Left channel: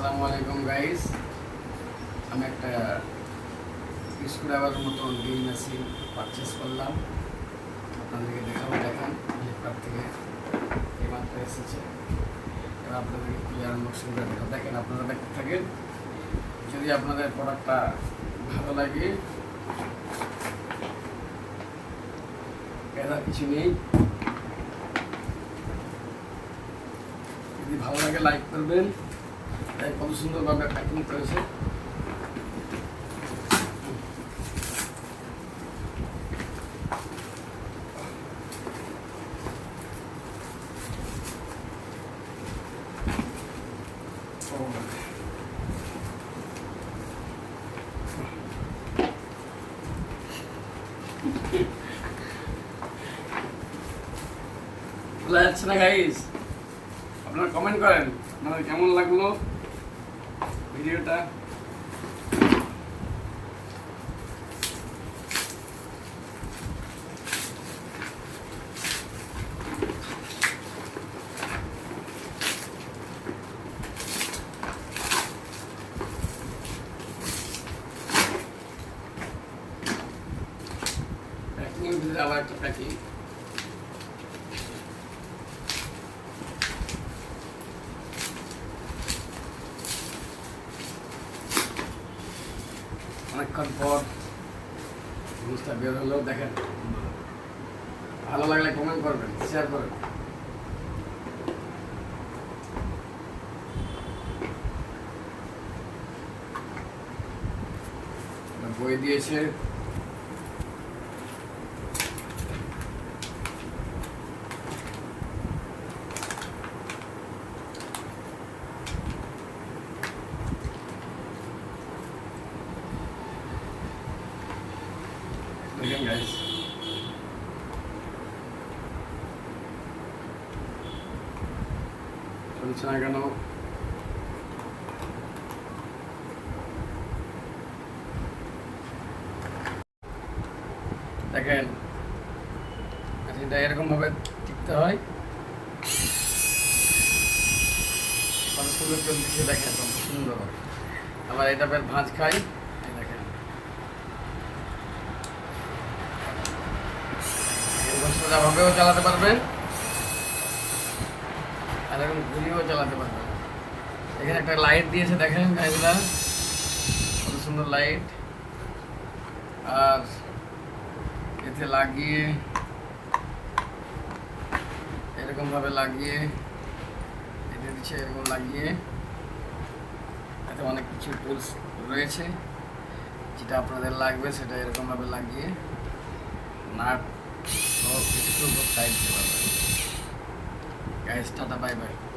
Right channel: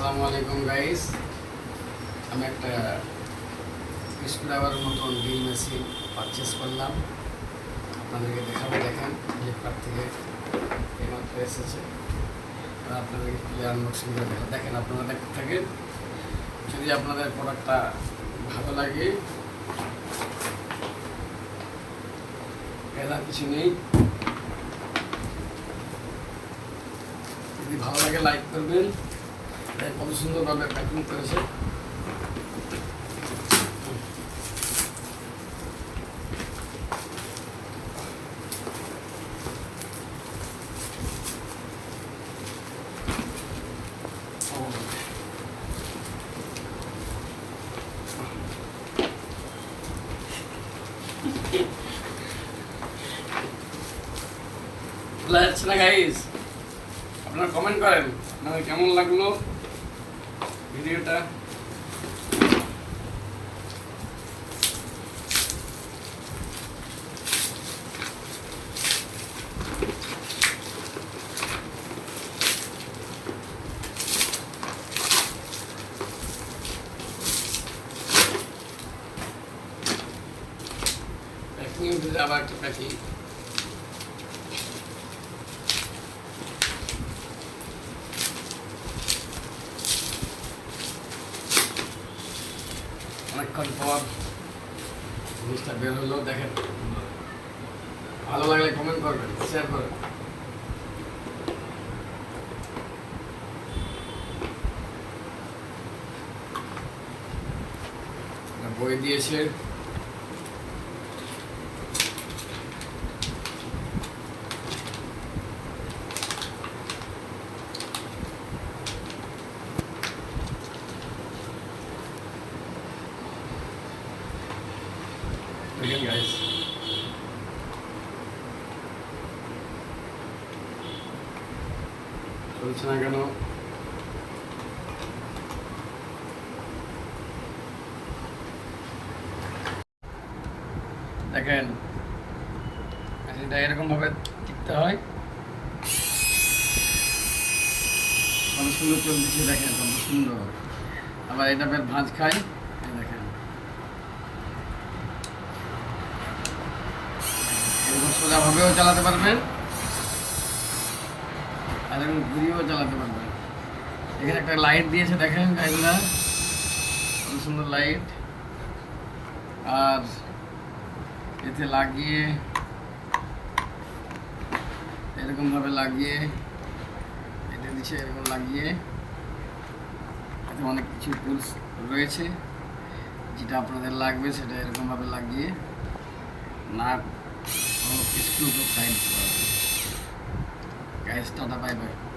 আসসালামু আলাইকুম গাইস আমি একটা স্ক্রুড্রাইভারের মতন ড্রিল মেশিন পারচেস করলাম। আপনাদেরকে দেখাবো, দেখেন ফ্লিপকার্ট থেকে এইমাত্র এসেছে। আপনাদেরকে খুলে আনবক্সিং দেখেন, আপনারা দেখতে থাকেন, যদি আপনাদের প্রোডাক্টটা ভালো লাগে, এরা কিছু নেই। যদি ভালো লাগে লাইক করবেন। কত সুন্দরভাবে প্যাকিং করেছে। যাচ্ছে না গাইস আপনারা কমেন্ট করেন। আপনাদের কেমন লাগল ভিডিওটা? আবার একটা প্যাকিং অনেকক্ষণ পর জিনিসটা বের হলো দেখেন। ভালো লাগলে কমেন্ট করবেন শেয়ার করবেন। বই দিয়েছে। দেখেন গাইস চলছে না কেন দেখেন এটা এরকম ভাবে টিকতে হয়। কত সুন্দর চলছে দেখেন, কত সুন্দর। আবার এটা ভাঁজ খাই এই দেখেন এরকম সোজাভাবেও চালাতে পারবেন আর এরকম ঘুরিয়েও চালাতে পারবেন এখানে একটা লাইট দিয়েছে, দেখেন সুন্দর লাইট আর এতে লাগিয়ে, এরকমভাবে লাগিয়ে, এতে নিচে এরকম লাগিয়ে, এতে অনেক কিছু টুলস রয়েছে। যেটা আপনাদের লাগবে, সেটা এরকমভাবে লাগিয়ে, নাট ও একটু side guys tata bye bye